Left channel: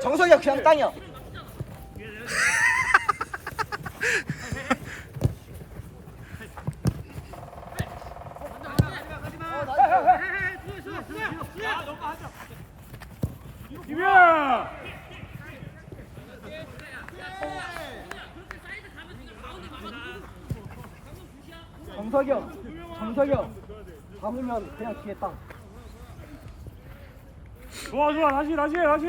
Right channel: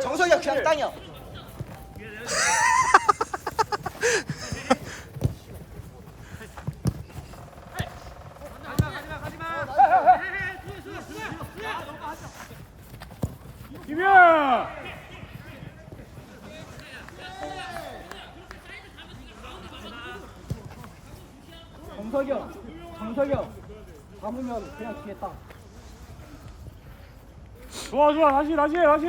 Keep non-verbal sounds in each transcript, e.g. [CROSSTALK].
정석이야 그냥 땅이야. 김현. 정석이 형, 정석이 형. 잡으면 그냥 뒤에 땅. 좋아 좋아 다시 다시 다시.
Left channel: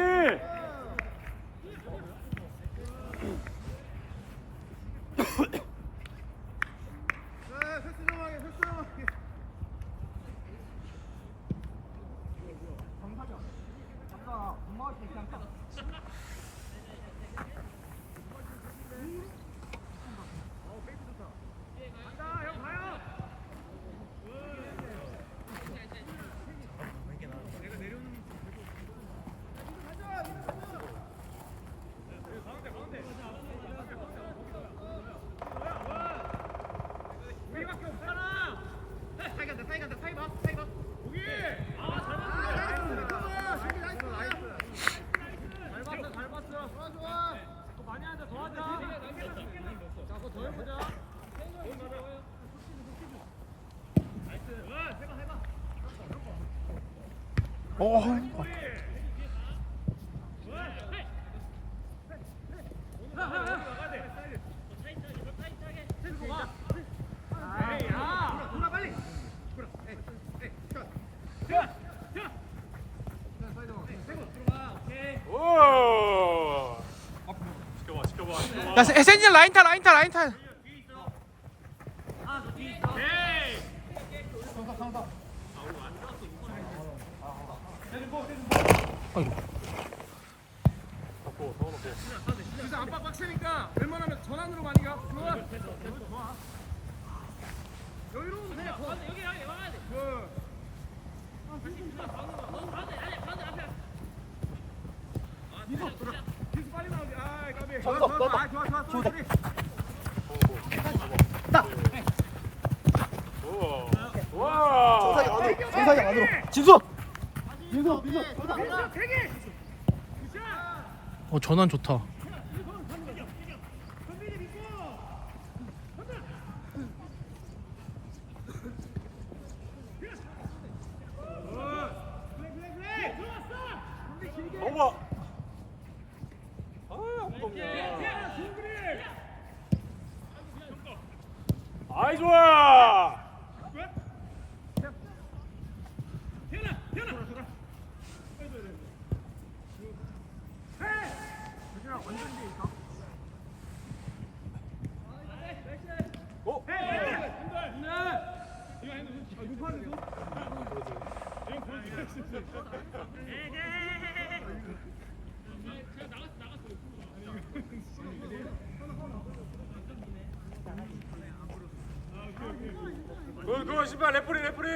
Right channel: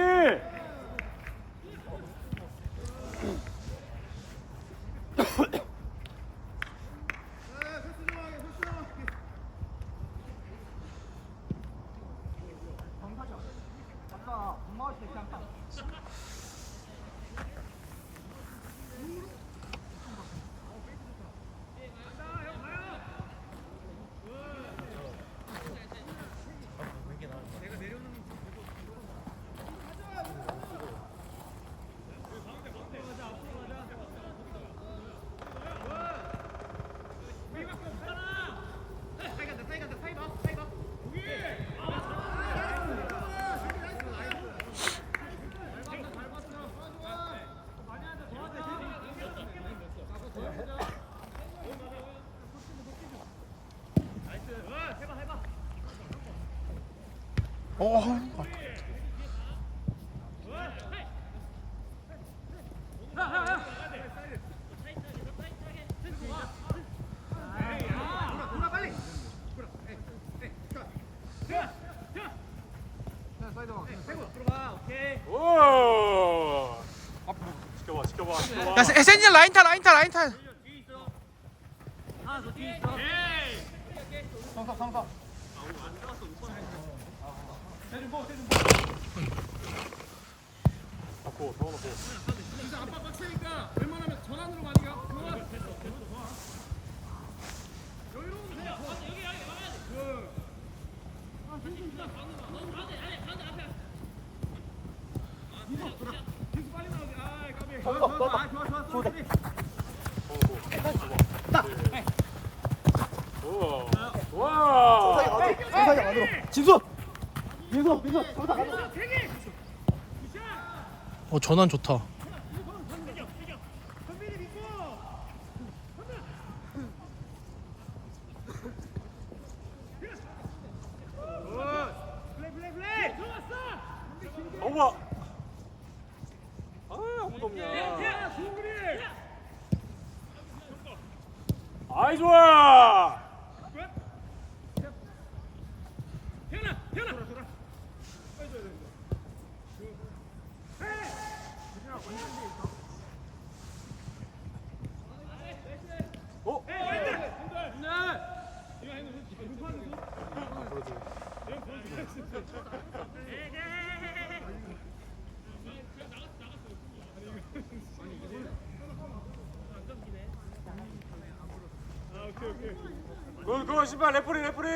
정석이 형. 잡다가 못 막을 때 그냥 땅. 어, 야, 세- 세진이 라인 타, 라인 타, 라인 타. 정석, 정석. 진짜 빡세니까 웬만하면 전환으로 많이 가. 좋아. 여유로운 돼. 여기 여기 와야 돼. 기수 빨리 나오지. 아, 까비. 좋아, 좋아, 좋아. 아, 좋아, 좋아. 소리, 소리. 딱. 진수. 정석. 되게. 어, 전환 좋다. 선빈이 믿고. 플레이, 플레이, 플레이. 들어왔어. 선빈 길게. 어머. 아, 좋은 그림. 아이 좋아. 태연아, 태연아. 돌아, 돌아. 헤이. 태연아, 완전 뒤에 있다. 오, 헤이, 한달. 이거 해는 손. 아, 눈 파는 손. 이건 보여줘야 너, 너 신발 레프리 레프리.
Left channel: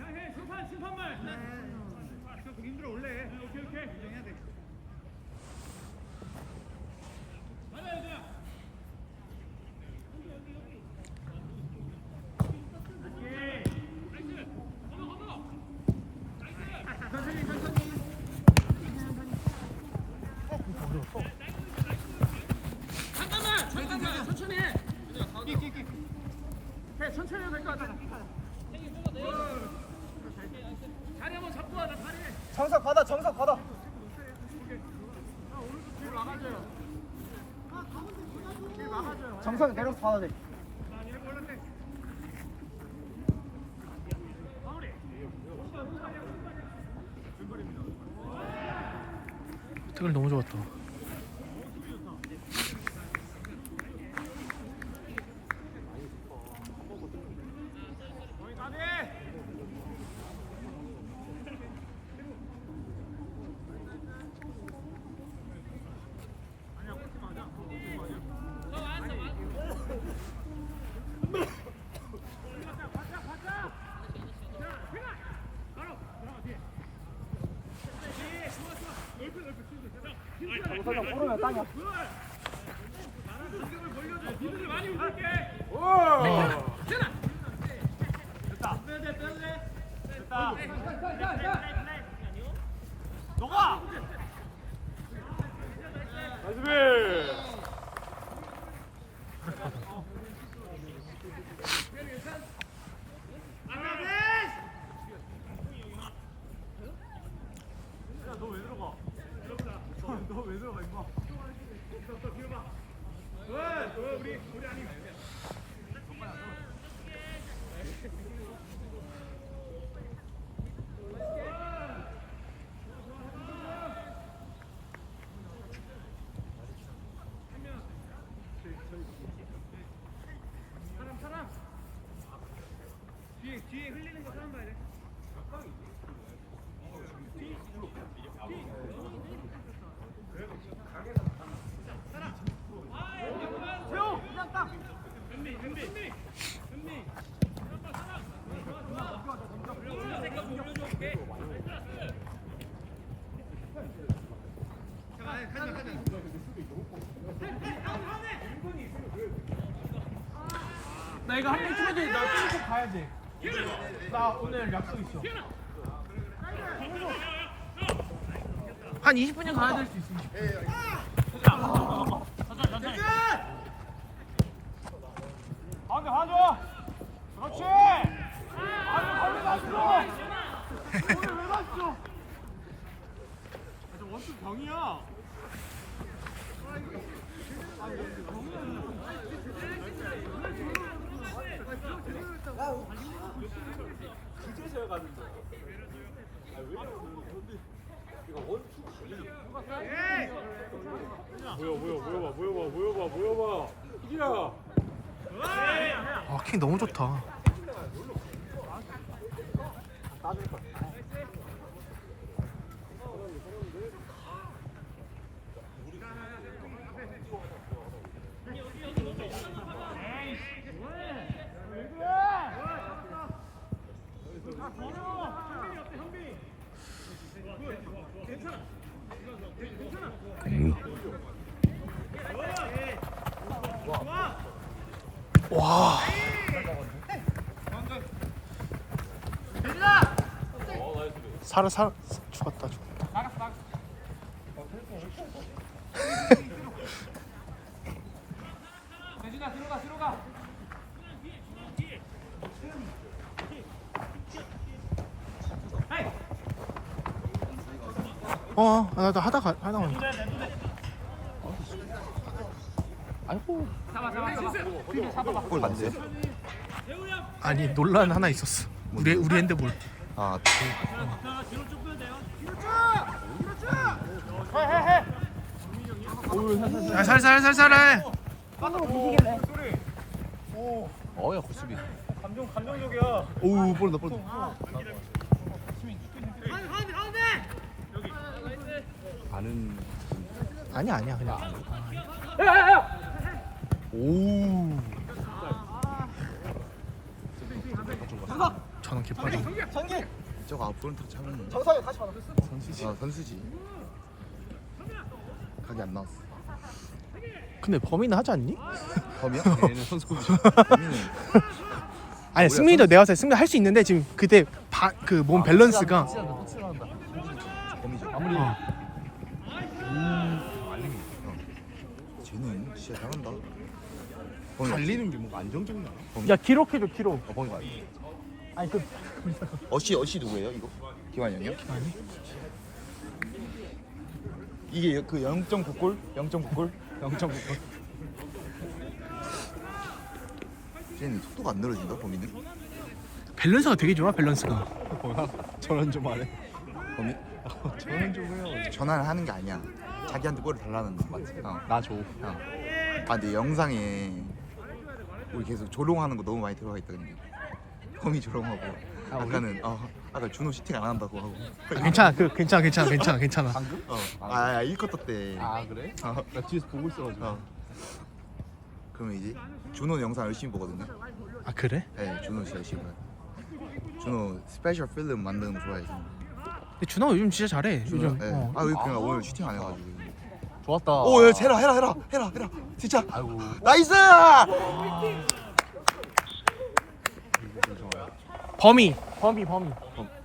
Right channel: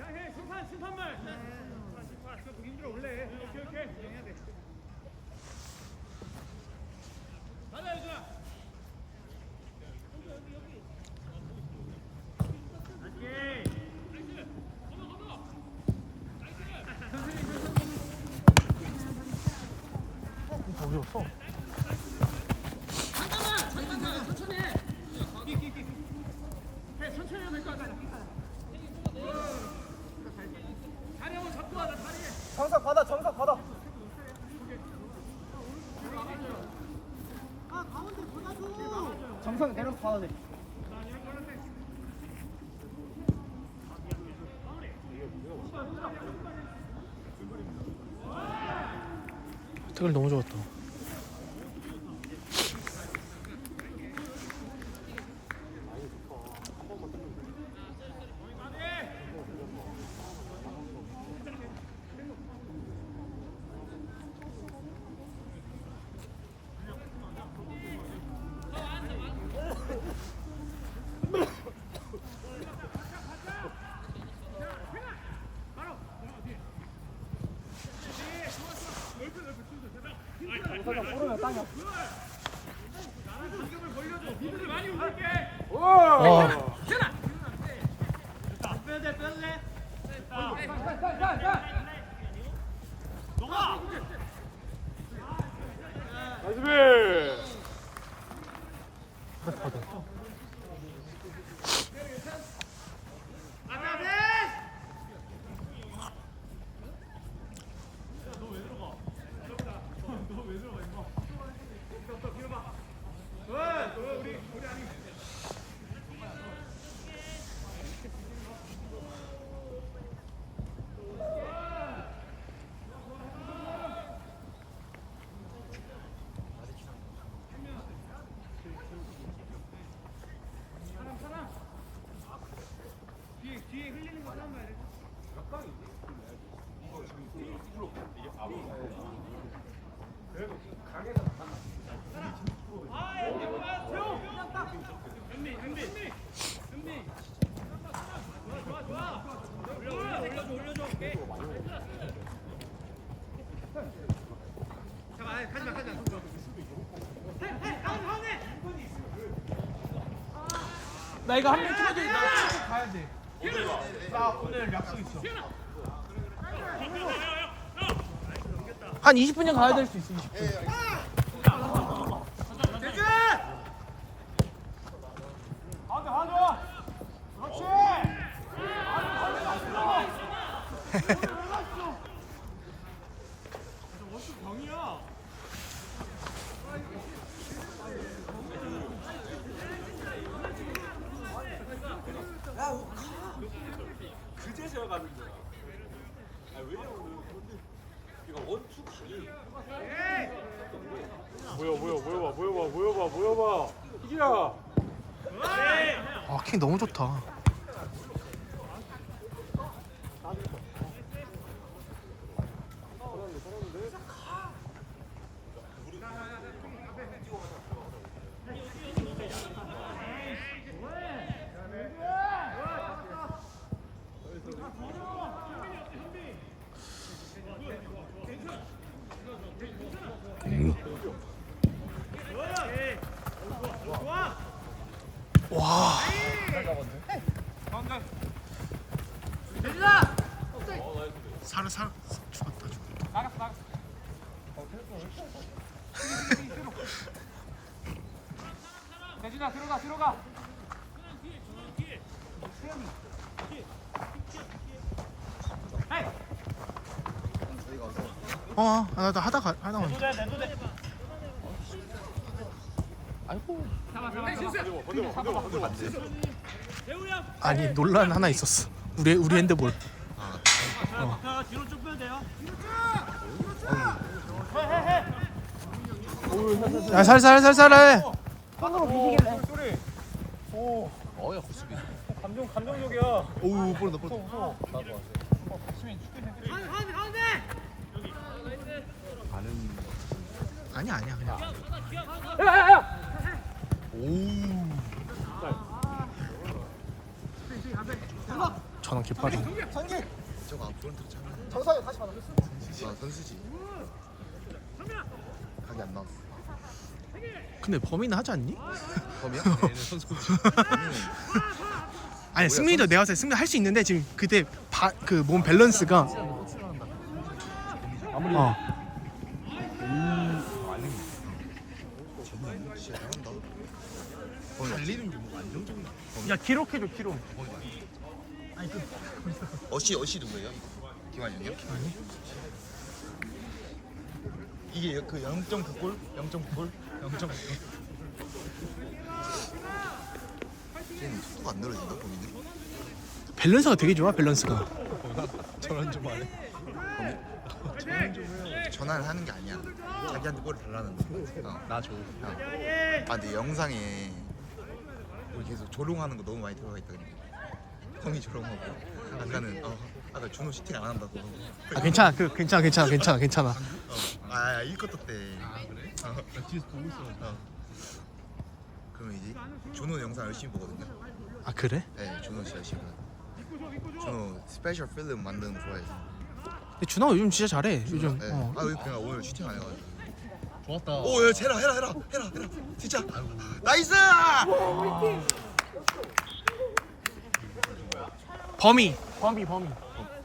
야, 해 심판 심판말. 아, 진짜 보기 힘들어 원래. 오케이 오케이. 인정해야 돼. 맞아 유준아. 오케이. 천천히 천천히. 해 천천히 해도 될것 같아. 다리 한번 잡고 와, 나 다리. 정석 받아, 정석 받아. 정석 내려서 받아야 돼. 정석영 모르면 땅이야. 니들 많이 움직일게. 와 나이스 너왜 들어가 임마 더 뒤로 봐 우리 우리 아니 사람 사람 뒤에 흘리는 거 사람 봐야 돼. 나 이거 한 명 찍어줘. 나 찍고 가야 돼 나 오늘 약속 있어. 한 20분이면 가야 될 수 있어 20분. 가 그렇지 원투 광이야 뭐야 뭐야 뭐야 봐 뭐야 봐 뭐야 봐 뭐야 봐. 희기야 아 킹 너무 좋다 와 살아 살아. 죽었다 죽었다. 대진아 들어가 들어가 어 나도 하다가 하다가 잡 아 잡아 잡아 필드 잡아봐 아니 논란 하나 있었어 우리 우리 핸드볼 아, 뒤로 쭉 빼야 돼요 야 살살살살해 손으로 미시길래. 어여 수비. 감정 감정적이야 오우 볼다 볼. 가운데 가운데 나는 아니야 아니야 그냥 오. 저는 깃발이 저거 앞프런트 차는 정석영 다시 만들었어? 선수지. 아, 선수지. 각이 안 나왔어. 근데 범인은 하지 않니? 범이야? 얘는 선수. 아니 승민이도 내가 봤을 때 승민 할수 있는데 지금 그때 그 몸 밸런스가. 범이죠. 어 오. 알림이 있어. 쟤는 진짜 잘한다. 범이 달리는 게 뭔가 안정적이 야. 기록해줘 기록 어, 맞아. 아니 그 어시 어시 누구예요 이거? 기환이 형이요? 아니 이게 그 0.9골? 0.9골? 0.9골? 쟤는 속도가 안 늘어진다 범이는? 밸런스가 되게 좋아 밸런스가? 전환 좀 해요. 전환을 하는 게 아니야. 자기한테 골을 달라는 거? 어. 나 줘. 아, 근데 영상에 우리 계속 조롱하는 거 너무 많이 들어가 있거든요. 범이 조롱하고. 아까는 아, 아까 준호 슈팅 안 한다고 하고. 아 괜찮아 그 괜찮아 괜찮아 괜찮아 괜찮아 어. 아, 이 컷터 때. 아 그래? 아, 나 뒤에서 보고 있어가지고. 어. 그러면 이제 준호 영상 열심히 보거든요. 아 그래? 네, 준호 진짜 열심히. 봐요. 준호 스페셜 필름 만드는 거 좋아해서. 근데 준호가 요즘 진짜 잘해 요즘 네. 어 아, 그냥 오늘 슈팅 안 해가지고. 좋았다. 오, 야, 해라, 해라, 해라, 해라, 해라. 진짜. 아이고. 나이스! 범위 범위 범위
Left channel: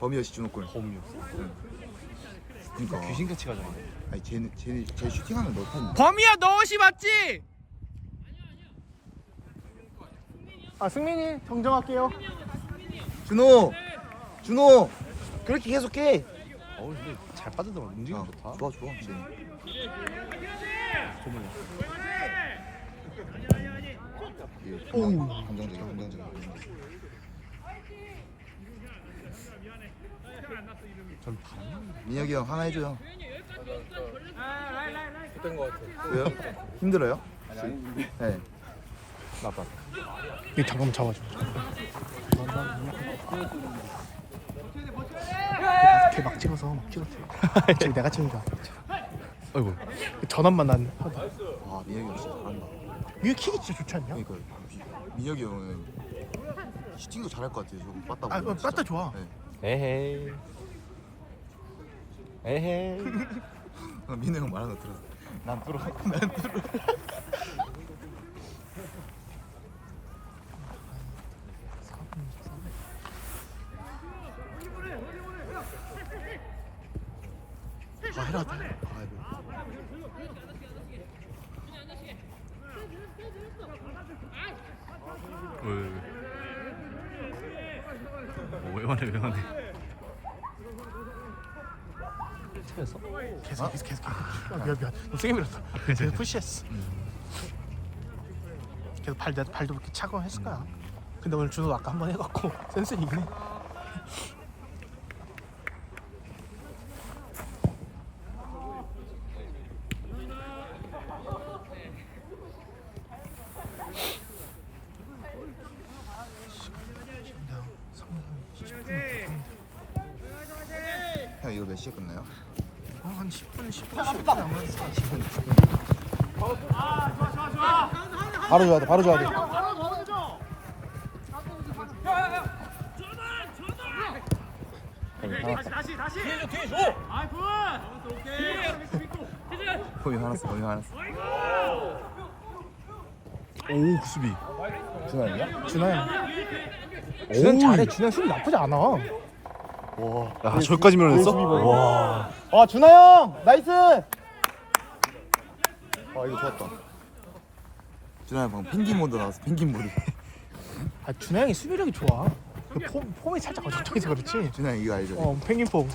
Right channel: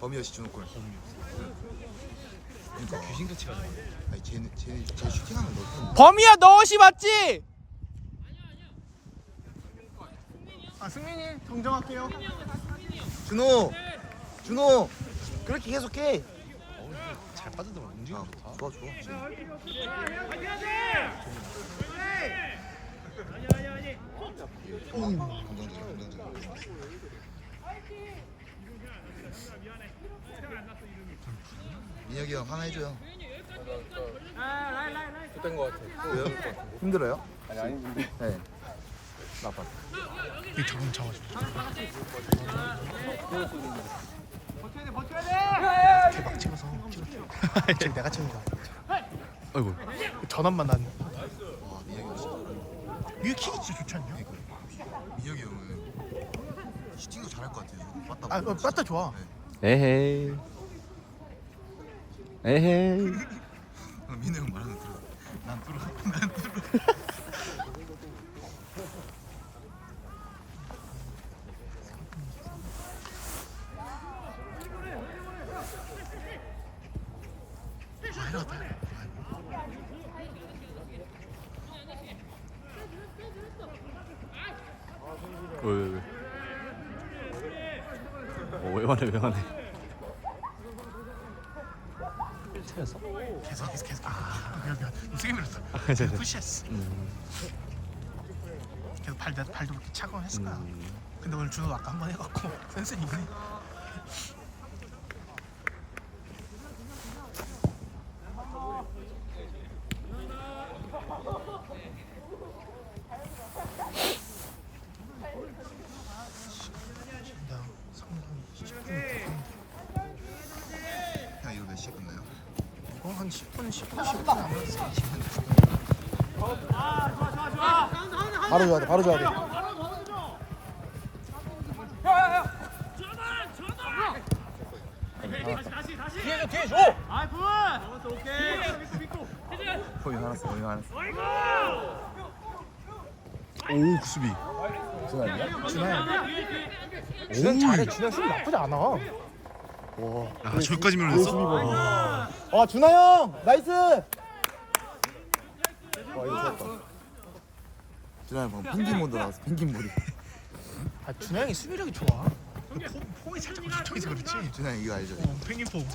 범이여시 준호골. 범이. 그러니까 귀신같이 가지고. 아니, 쟤네, 쟤네, 쟤 슈팅하는 거 못하는 범위야 너엇이 맞지? 아 승민이 정정할게요 준호! 준호! 그렇게 계속해! 잘 빠지더라. 움직임 좋다. 좋아, 좋아. 오, 건강적이야, 건강적이야. 민혁이 형 하나 해줘요. 힘들어요? 아니 아니 네. 이 잠깐만 잡아줘 이렇게 막 찍어서 찍어 [LAUGHS] 내가 찍은 거 아이고. 전환만 난 아 민혁이 형 진짜 잘한다. 이게 킥이 진짜 좋지 않냐? 민혁이 형은 슈팅도 잘할 것 같아요. 이거 빠따. 아 어, 빠따 좋아 네. 에헤이. 에헤이. 아, 민우 형 말하는 거 들었어. 난 뚫어. [LAUGHS] 난 뚫어. 아 해라다 왜, 왜, 왜. 어, 왜 말해, 왜 말해. 차였어? 계속 계속 계속. 아 미안 미안. 너무 세게 밀었어. 괜찮아. 계속 푸시했어. 계속 발, 발도 이렇게 차고 했을 거야. 근데 오늘 준호 아까 한 번 해갖고 센스는 있네 야, 성능이 10분 형 이거 몇 시에 끝나요? 어, 한 10분, 10분, 10분 남았어. 지금. 바로 줘야 돼, 바로 줘야 돼. 남았어. 거기 남았어. 오, 그 수비. 준호야. 오이. 잘해. 준호 수비 나쁘지 않아. 야, 저기까지 밀어냈어? 와. 와, 준호 형! 나이스! 와 이거 좋았다. 준호야 방금 펭귄 모드 나왔어. 펭귄 모드. 아, 준호 형이 수비력이 좋아. 그 폼, 폼이 살짝 어정쩡해서 그렇지. 준호야 이거 알죠? 어, 펭귄 폼.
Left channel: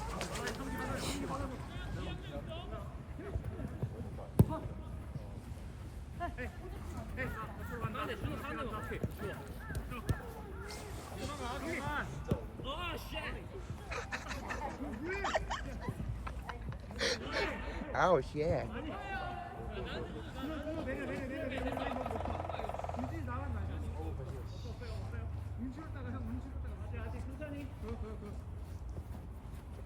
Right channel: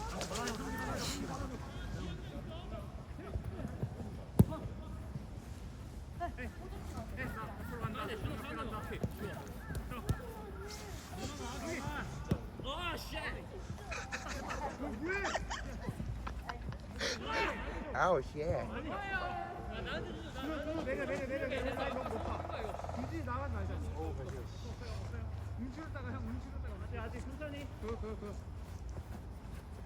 씨.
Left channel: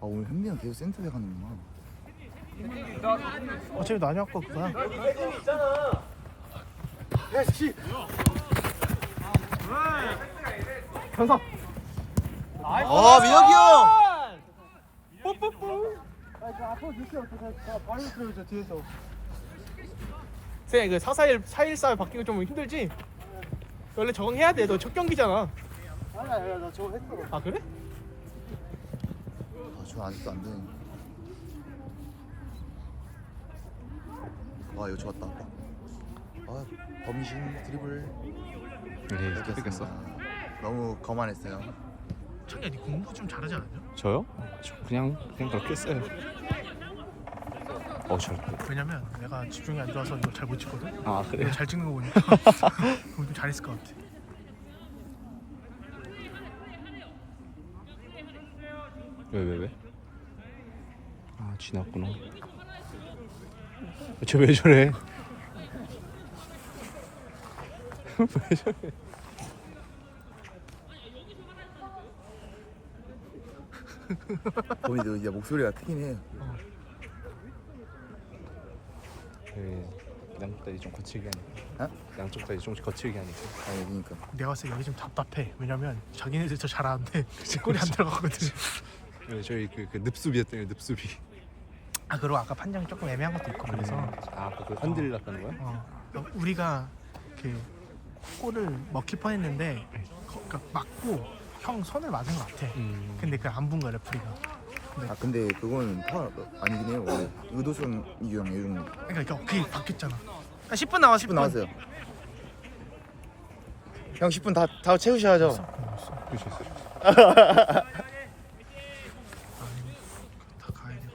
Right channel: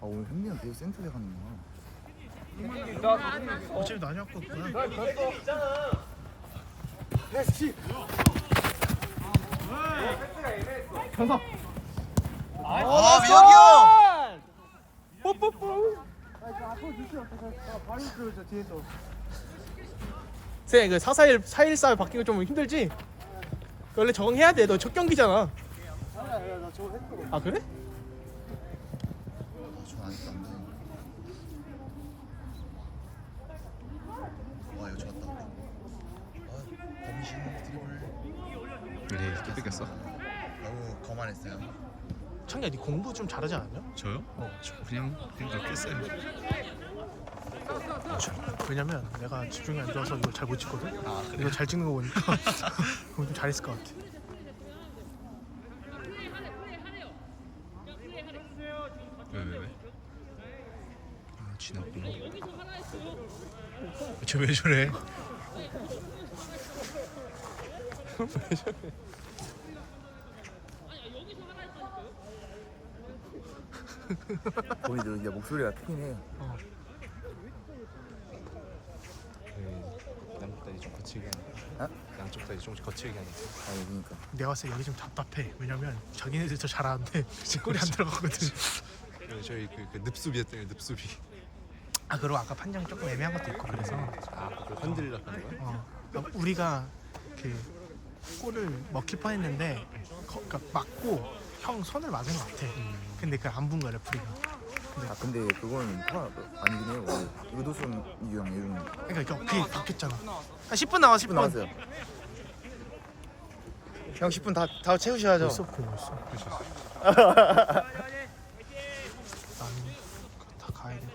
아 오늘 형님 계속 센터에 갔네. 어차피 나뉘었거구나 현석! 아 민혁이 형. 쌤, 그 441, 414 바뀌고 좀 힘들지? 원래 적응해야 돼. 너 첫 경기잖아. 아, 그래? 아저 아직도 안 되네. 와 이거 좋았다. 아 범신 드리블 네, 또 뺏겼어. 너무 거만했어요. 천야, 니 공부 좀 잘하지 않았냐? 저요? 저 그냥, 그냥 그렇게 했어요. 어, 잘. 왜냐면 내가 집중이 안 좋아서 이걸 잘 못 찍거든? 아, 이거 잘 찍는 거 보니까 [LAUGHS] 그럼 좀 잘했을 것 같아. 왜, 왜, 왜? 아, 지났구나. 쟤왜 저래? [LAUGHS] 왜 저래? 범이도 이제 목소리가 크긴 해. 네, 양쪽 다리 좀 거칠게 하니까. 어? 양쪽 다리 좀 거칠게 하니까. 아니 그러니까. 내가 봤을 때 여기 좀 답답해. 왜냐면 자기네들 저 잘하는데 골이 안 [LAUGHS] 들어가거든. 네, 저희 그, 그 늪수비였잖아요, 늪수비. 아 그리고 아까 판정이 조금 애매한 것도 있고 그래서 흔들려고 하네요. 어, 그러니까 우리가 그 골을 먹힐 뻔했는데 거, 그러니까 맞고 형 손을 맞은 것 같아. 근데 그걸 안본 거야 레프리가. 아 근데 그건 파울 아니긴 해요. 의도성 이유랑 이유는 그러니까 이거 그게 바뀌었잖아. 아, 10분 나와 10분. 나왔어요. 형 10분 다, 다 채우셔야죠. 벌써 고맙어. 다 가야 돼.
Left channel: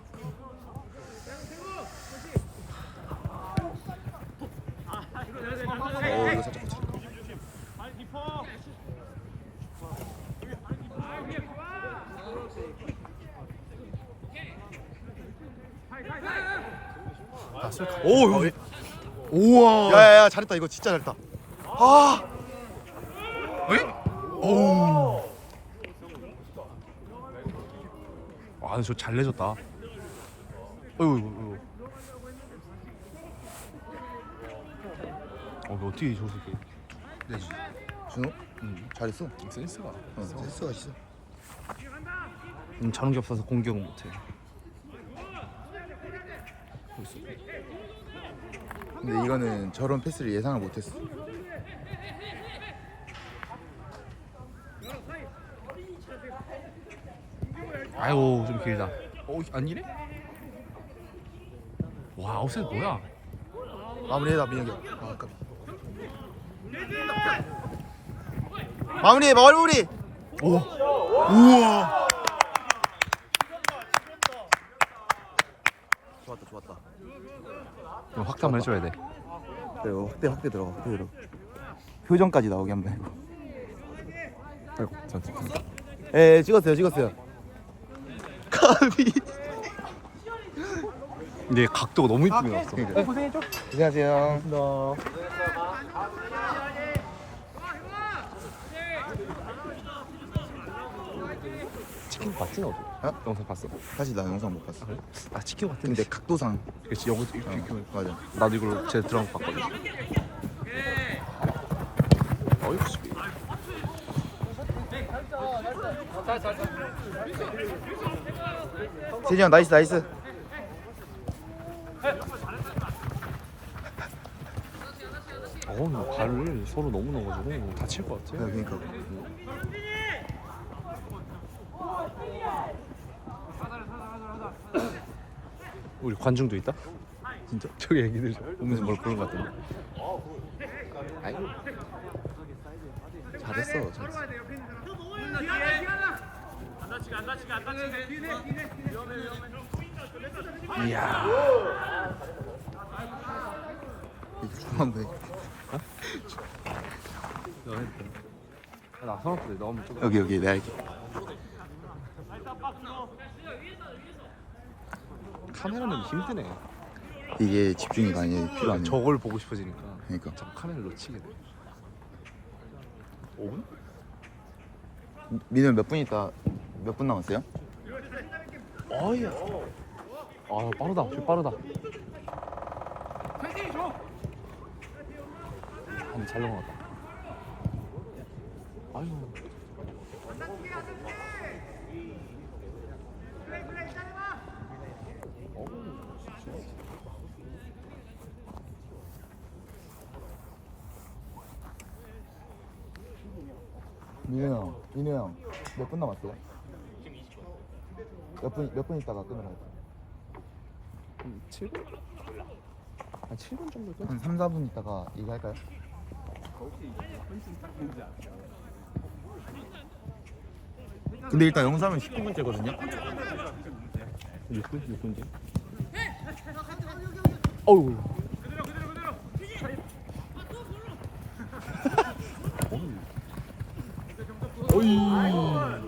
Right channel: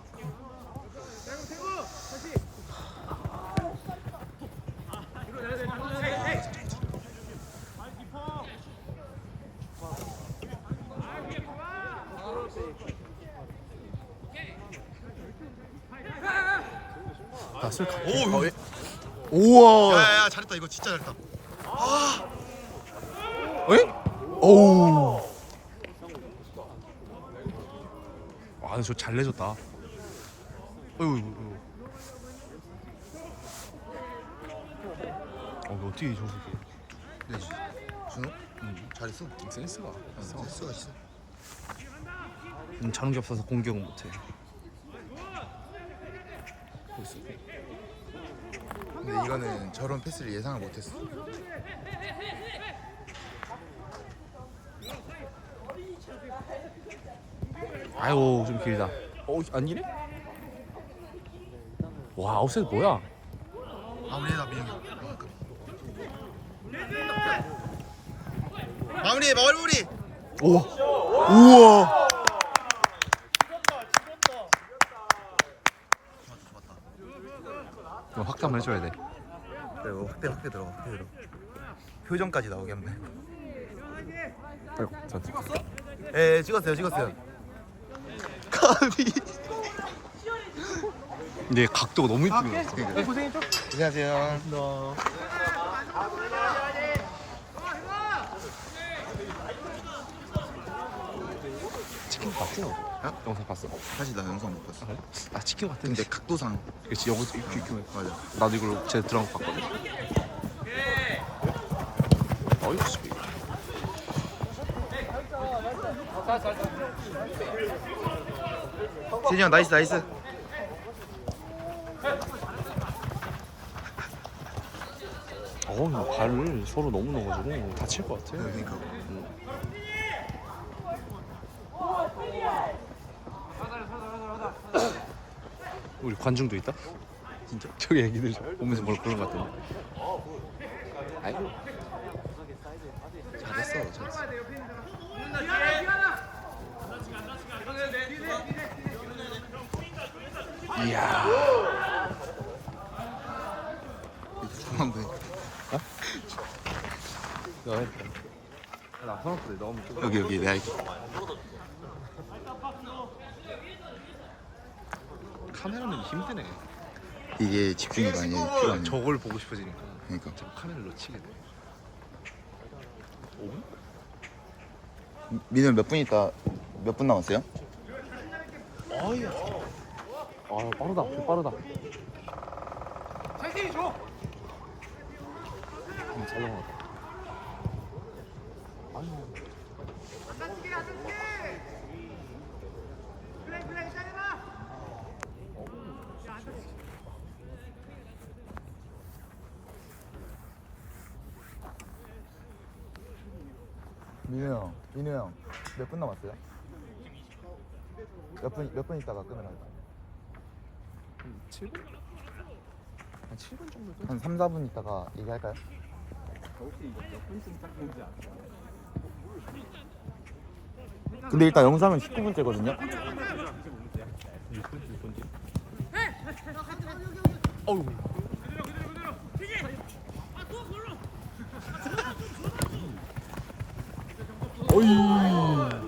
오, 어, 우와. 야야 잘했다 이거 진짜 잘했다. 아. 에? 오. 아, 저잘 내줬다. 어이구, 어이구. 어, 이거 어떻게 저 새끼? 네. 준호? 응. 잘했어. 센스가 있어. 센스가 있어. 음, 자동기 없어서 공격은 못해. 뭐 있어? 근데 이거는 저런 패스를 예상을 못했어. 아이고, 좀 길다. 어, 안 이래? 와, 아웃사이드 뭐야? 마무리해라 민혁이 형. 아, 아깝다. 마무리 마무리. 우와. 우와. 좋았다 좋았다. 좀 확대 한번 해줘야 돼. 그래 확대 확대 들어가 확대 들어. 표정까지 나오게 한번. 해. 아이고, 저, 저, 예, 예 찍었어요 찍었어요. 카비. 근데 각도가 너무 이쁘게 나왔어. 고생했죠? 안녕하세요. 치킨 봤지 너도? 어? 영상 봤어? 사실 나 영상 못 봤어. 그래? 나 치킨 봤던데. 근데 각도상 그렇지, 여기 이렇게 이렇게 맞아. 나도 이걸 제 드라마 봤거든. 어이구 수비. 세진이 형 나이스 나이스. 어, 이거 발을 서로 너무 넣어가지고 다칠 것 같아. 네, 그러니까. 우리 관중도 있다? 진짜? 저기 애기들 저 보면서 뭘 그런 것 같던데. 아이고. 잘했어. 이야. 좀. 여기 여기 내가 할게. 카메라는 힘드네. 이게 집중이 아니야 필요 아니야. 저걸 보고 싶어지니까. 그러니까. 저 카메라 놓치게. 5분? 민우 몇분 있다 몇 분 남았어요? 아, 빠르다. 개 빠르다. 음, 잘 넘어. 민우 형, 민우 형 몇 분 남았어요? 몇 분 몇 분 있다가 끄면 할까? 7분? 한 7분 정도? 한 3, 4분 있다가 얘기할까요? 근데 일단 영상은 19분째거든요. 6분? 6분째.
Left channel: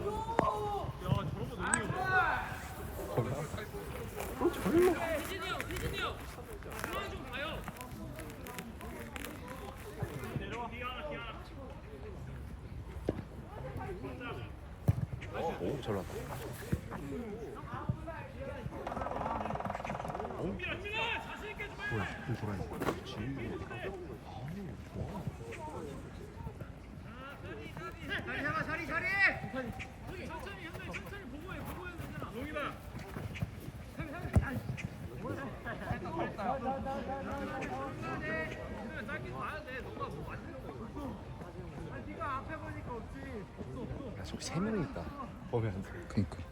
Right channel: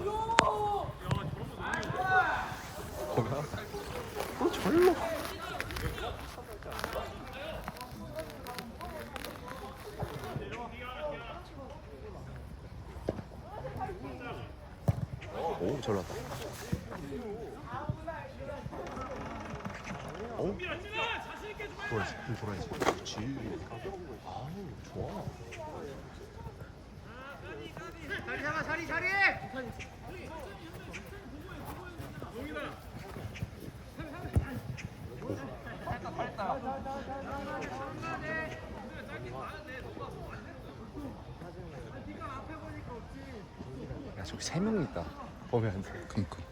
저기 세 명이 있다. 보면. 그니까.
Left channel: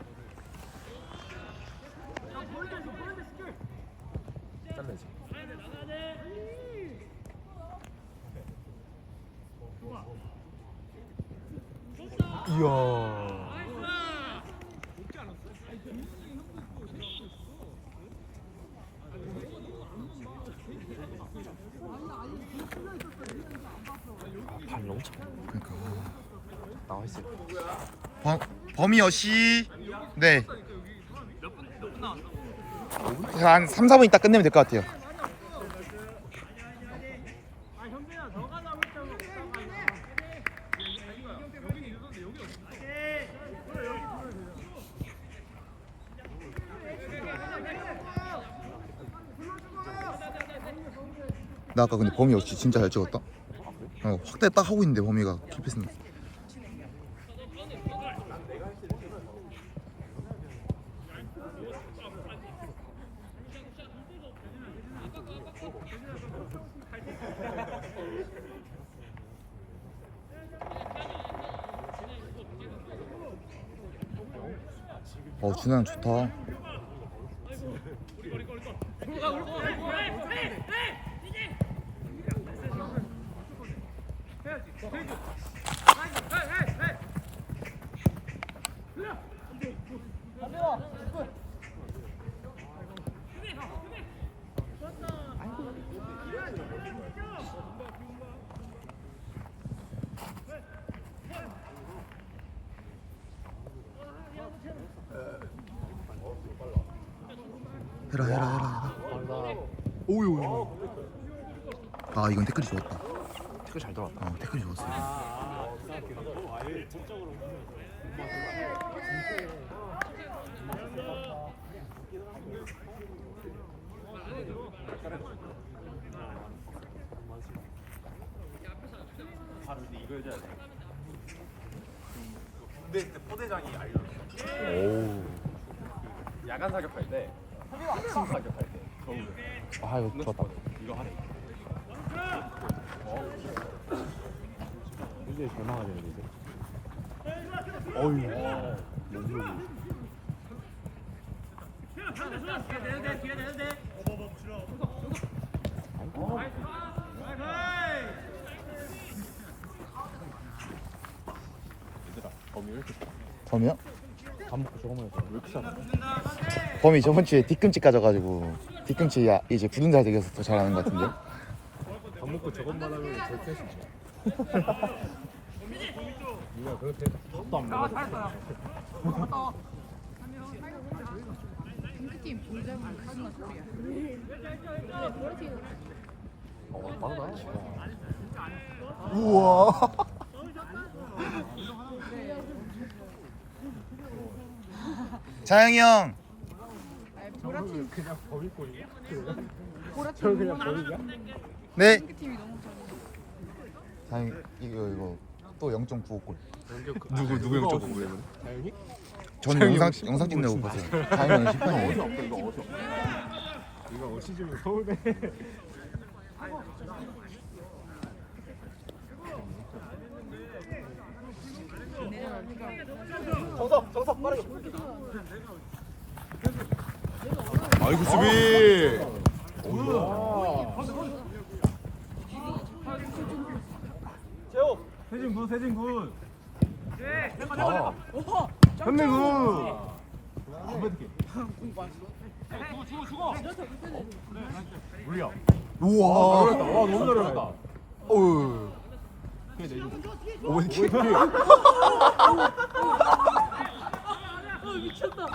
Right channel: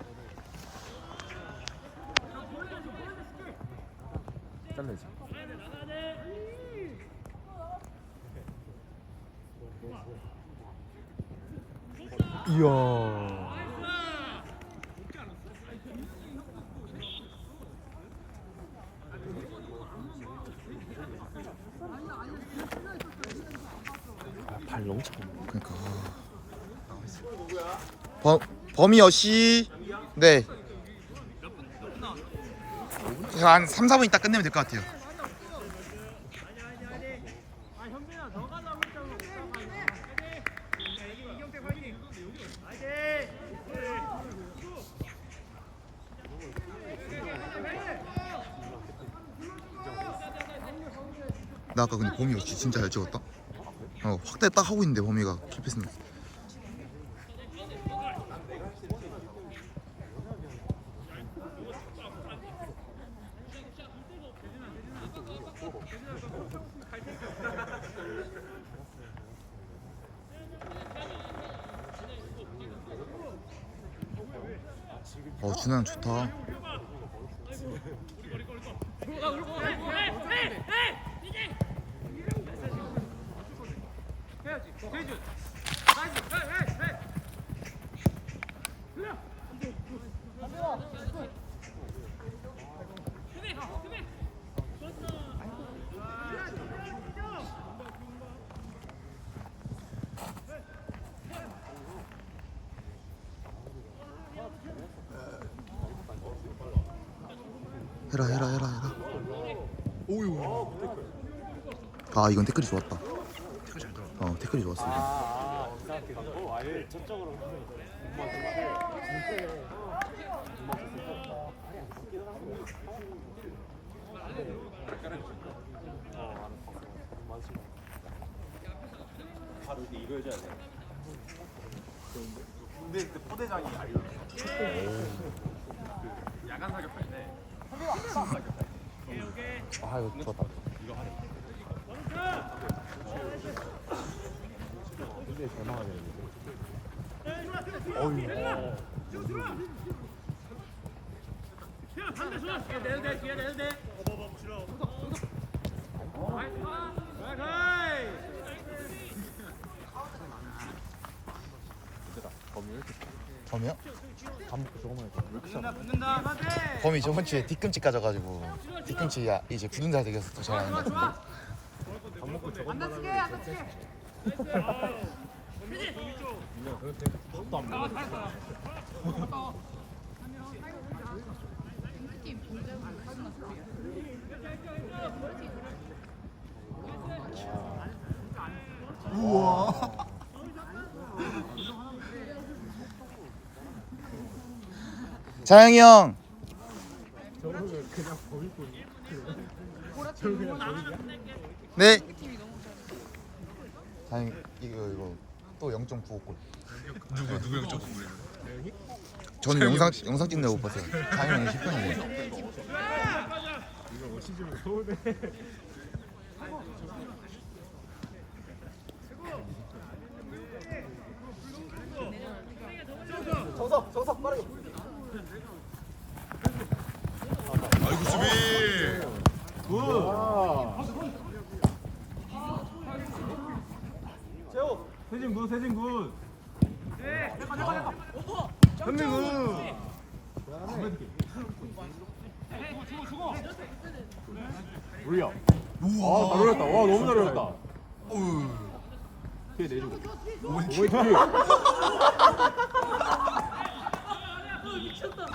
범 범이 어시 네. 한 3, 4분 있다 끝내면 될 것 같아요. 나 아까 근데 범이 없이 진짜 잘 찍었다. 어, 확대 딱 하고 있는데 범이가 킬패스는. 어 준환 좋다. 해라 해라 해라 해라. 오유. 아 이건 태클이 좋았다. 그거 잘 들어. 어 태클이 좋았어. 이건. 아, 이거 좋다. 굉장히 잘 나가야 되는데. 범이야? 밥 먹고 저거 먹어. 범이 저번 주에 뒤꿈치 까져가지고 뒤꿈치 야 이제 굳은 자석이어서 더 잘하는 것 같은데. 우와. 자영이 형. 저거는 그냥 버릴 거야. 저거 그냥 버리냐? 네. 자영 이거 이거 또 0.95골. 누구 누구 좀 누구예요? 저는 영상 영상 찍느라 못 봤어요. 자영이는 10편이에요. 이거 시즌 서울대. 아이고 수비. 세진 군, 세진 군. 네. 아. 현민 군. 올려. 우와. 와 너무 어렵다. 어우. 그게 내줘. 오버킥. 미쳤다.